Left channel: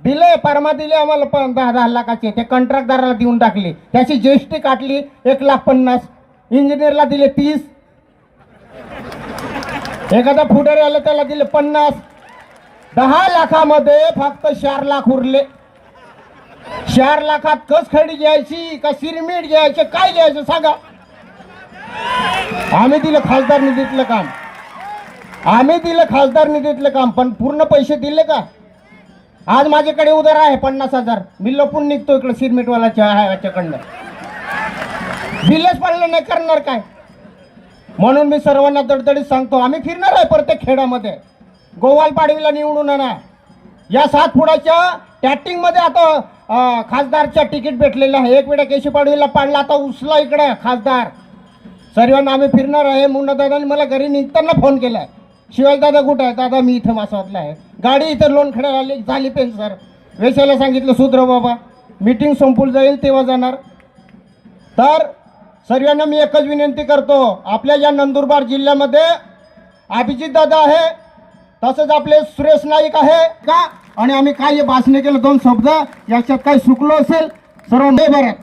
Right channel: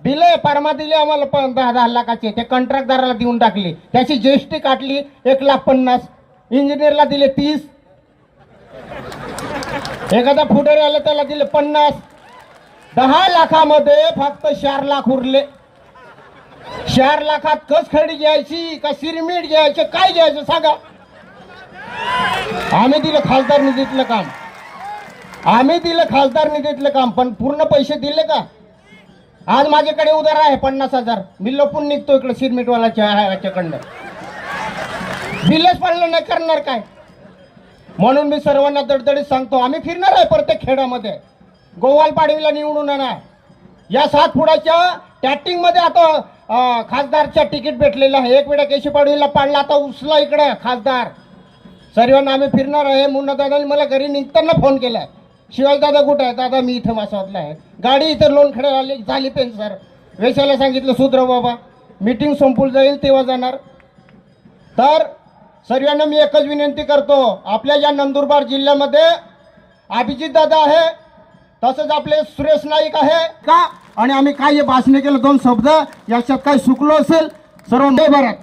दिले परमा दिले आम्हाला 10 लाखाचे, ते कंत्राटदाराला देऊन टाकली, त्याची जीएसटी काटली 1,50,000, इंजिनियरला दिले 30, एखादा फुडर आला त्याला दिले 50. 10 लाखामध्ये फक्त 4 लाख उरले. 4 लाखात कस खडी घ्यायची का सिरमीट घ्यायचं, काय घ्यायचं सांगा. आम्ही दिलं खासदार निधीतलं काम, आम्ही दिलं खासदार निधीतलं काम, पण पूर्ण पैसे दिले का. आज माझ्याकडे उधार आहे 50,000, मी लपून निघतो इकडे सिरमीटवाल्याच्याकडनं, बिलच पडलं नाही, करणार काय. म्हणून मी सर्वांना दडदडीत सांगतो, आम्ही फिरणार आहे प्रत्येक खेड्यामध्ये. गोवाल पाडवीला निवडून आणा. या 7 फुटाच्या टॅटिंग मध्ये आता खासदारच्या तिकीट भेटलेलं आहे. एक वेळा केशी पाडवीला पाडला, आता उचला इकडे खासदार. सर्वांना आम्ही फिरणार आहे. मुन्ना दादाने मला घरी निघताना फोन केलाय, शिवाय दादा कुठे आहे. दादा मी इथं मासावतला आहे, गाडी इथं लोणखडे झाली पेन्सर. वेशाला सांगितलं सुधरा बाबा, मीटिंग संपून जाईल तेव्हा जाणार. तर सर्वांना मी एकच विनंती करतो, आपल्या या नंदुरबार जिल्ह्यामध्ये अभिजित दादा आहे, तसंच आपले सुरेश नाईक आहे का. आणि आम्ही काय भाषण केलं 2 शब्द, याच्यात काही चुकलो असेल सर्व भारत.